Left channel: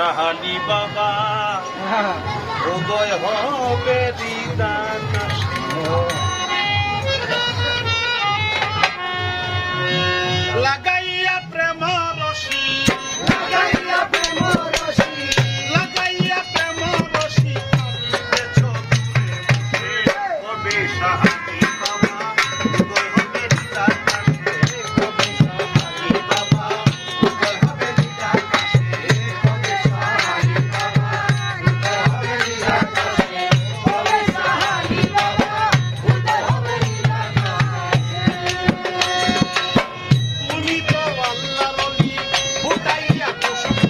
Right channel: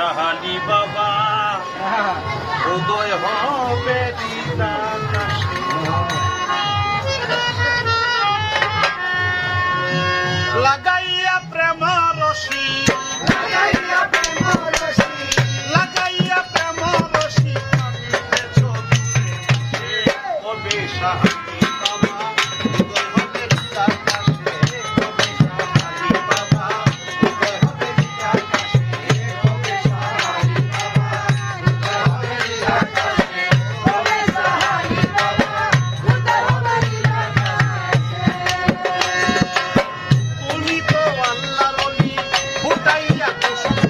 সাহালি বাবা উদয় হবে দিদার লাগাইয়া প্রেম রশি লাগাইয়া প্রেম রশি তবে সাহালি বাবা উদয় হবে দিদার ফুটাইয়া কুসুম